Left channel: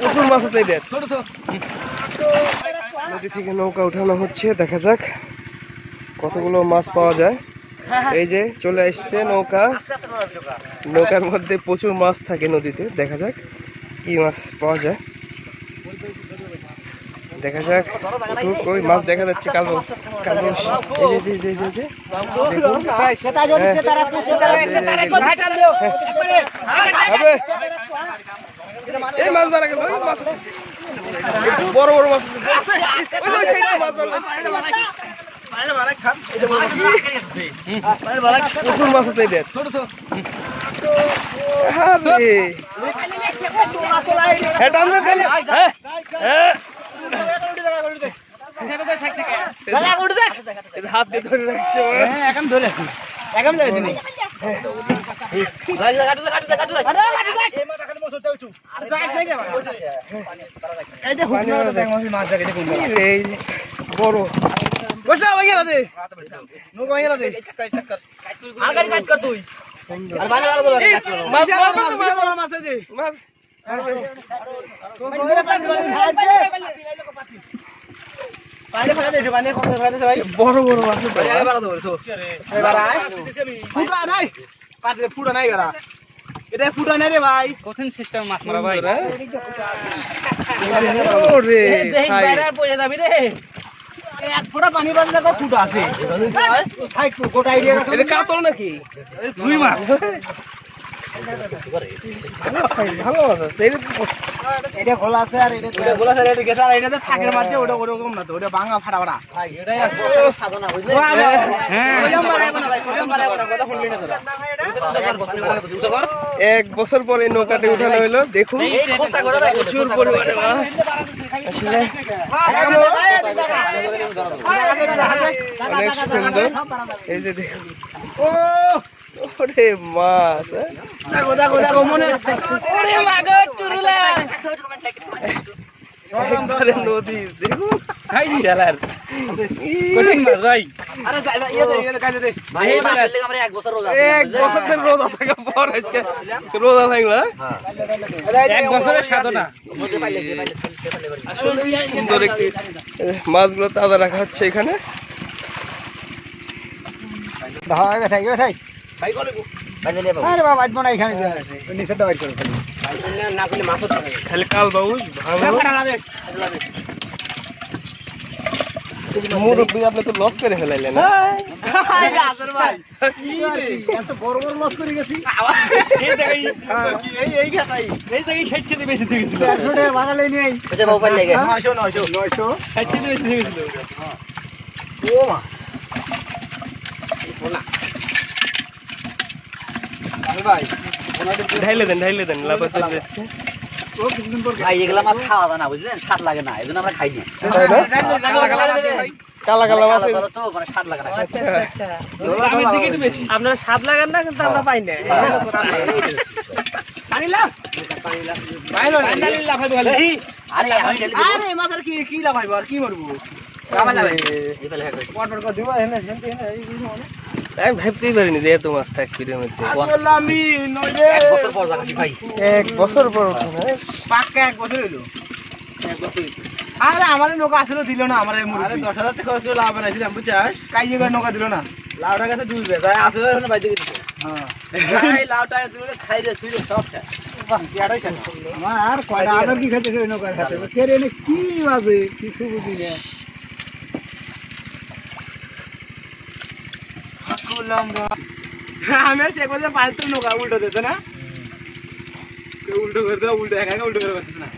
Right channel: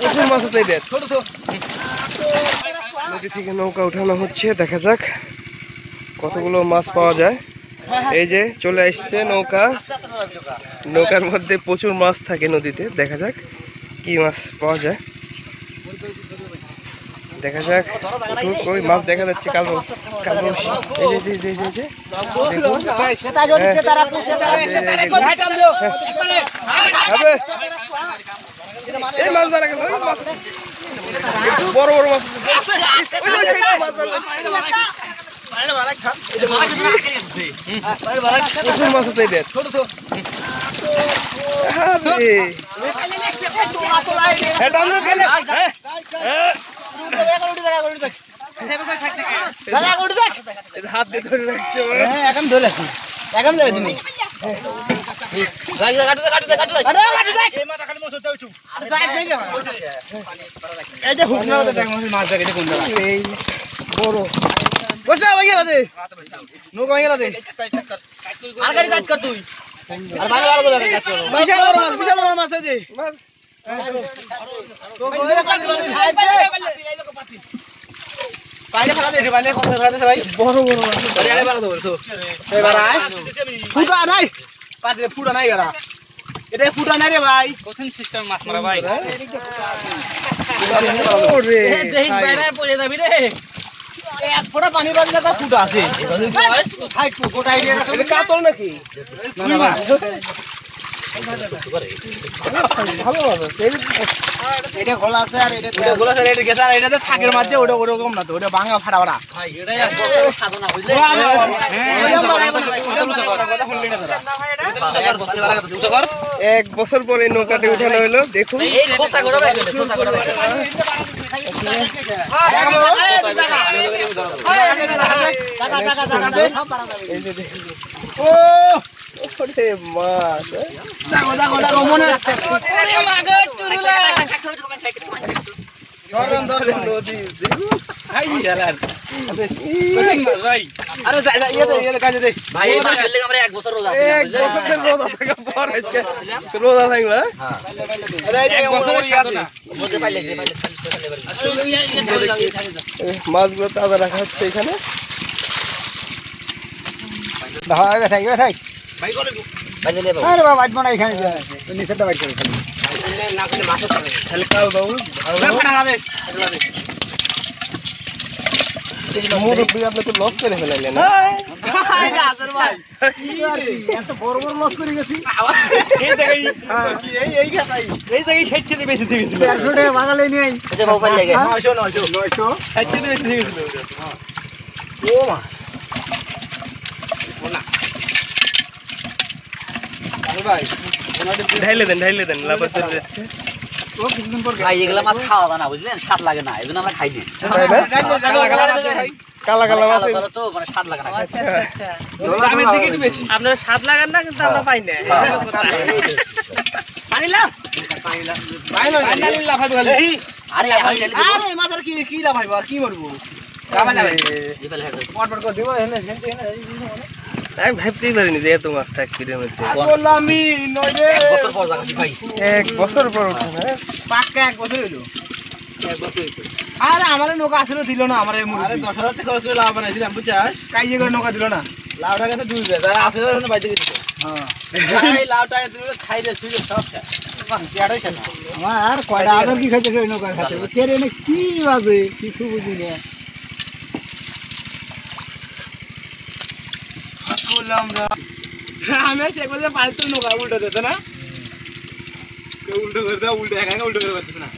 প্রচুর মাছ আছে নদী থেকে নৌকা উঠানো হচ্ছে, দেখা যাক কতগুলো মাছ পাওয়া যায়। এই যে চলে আসছে নৌকা, নৌকার মধ্যে প্রচুর মাছ থাকে নদীতে, দেখা যাক কি মাছ পাওয়া যায়। দেখা যাক ওই মাছ দেখা যাচ্ছে কালো কালো, এই মাছ ধরা গেল, ওই মাছ বড় বড় মাছ, প্রচুর মাছ আছে এদের। হাত দিয়ে ধরে রাখছে, এখন ধরে রাখি, এখন ধরে দিন। বড় বসা হয়ে গেল দে, নৌকা হয়ে গেল দে, আর গাড়ি কাজ কর তুই, আর ভালো ভালো করে কাজ কর। মাছ বড় মাছ আছে দে, মাছ পাইলে ফেলা দে, পাইলে কত ফেলা দে ভাই, বড় বড় মাছ আছে, আগে বড় ধরে তো এবার আয় ফুটা নাই, পাতে ফুটা নাই গরা, এটা ফুটা নাই রে ভাই, কঠিন সিস্টেম মাছ মারা ভাই। ওরে দেখ বাইরে পড়ে যাবি রে, এক ফোঁটা পানি বাজলে তো ফুটা আছে, সাইড গোটাই রে। এটা কাতল নাকি? ফুই মাছ, ভালো আছে এটা খোলা আছে, আর এটা খোলা আছে, এটা গেছে, আর এটাতে থাকের মাঝে ওটা ওরকম না তো, ওটা ভাঙা ফাটা ফাটা ভাই, এটাই সাধনা বুঝলে। এক বছর পরে নৌকাটি উঠানো হলো, দেখুন এই যে দেখুন, ওরে মাছ, নদী দেখুন, এক বছর রোজা থাকা পর আজকে রোজা থাকলো, মাছগুলো তাজা রাখা হচ্ছে এখানে। আপনি তো লস করে ফেলাইলেন না, ঢাইলে দেন লাভ যাচ্ছে ভাই। এগুলা মাছ খাওয়া যায় না বুঝলেন, স্বাদ লাগে না, এই জন্য আমরা খাই না। কালা কালা মাছ তো মানে স্বাদ লাগে না, দামের দিকে একটু বেশি, আপনার স্বাদ লাগে না কিন্তু আমরা পাই না। আরে মাছের কি লাভ হয়, কি করবো ভাবতেই পারিনি যে এত মাছ থাকবে এর মধ্যে। এক বছর পর পাক্কা এক বছর হইলো। আরে আমার নৌকা আসলে দিল না, আমার 10,000 টাকা খরচ করে লাভ বানাইছিলাম বুঝছাস, কাইয়ে করে নৌকা দিল না, লাউটা কাছে ডুববে তাই আসলে ওখানে বাইতে গেছে। হ্যাঁ এই লাউটা তুমি খাইলে ছুঁড়ে সব খায়, বাহ ইয়াটাই খায় না আর কয়টা আদর কি খাইতে ওই নৌকার সাথে কেরে নে কি বাজে কিছু বুঝি না। আমি আর শেখ বাজার পাঁচ নৌকা উল্টো দিত না, উল্টো করে দেওয়া, উল্টো একা উল্টো করে পারতেছে না।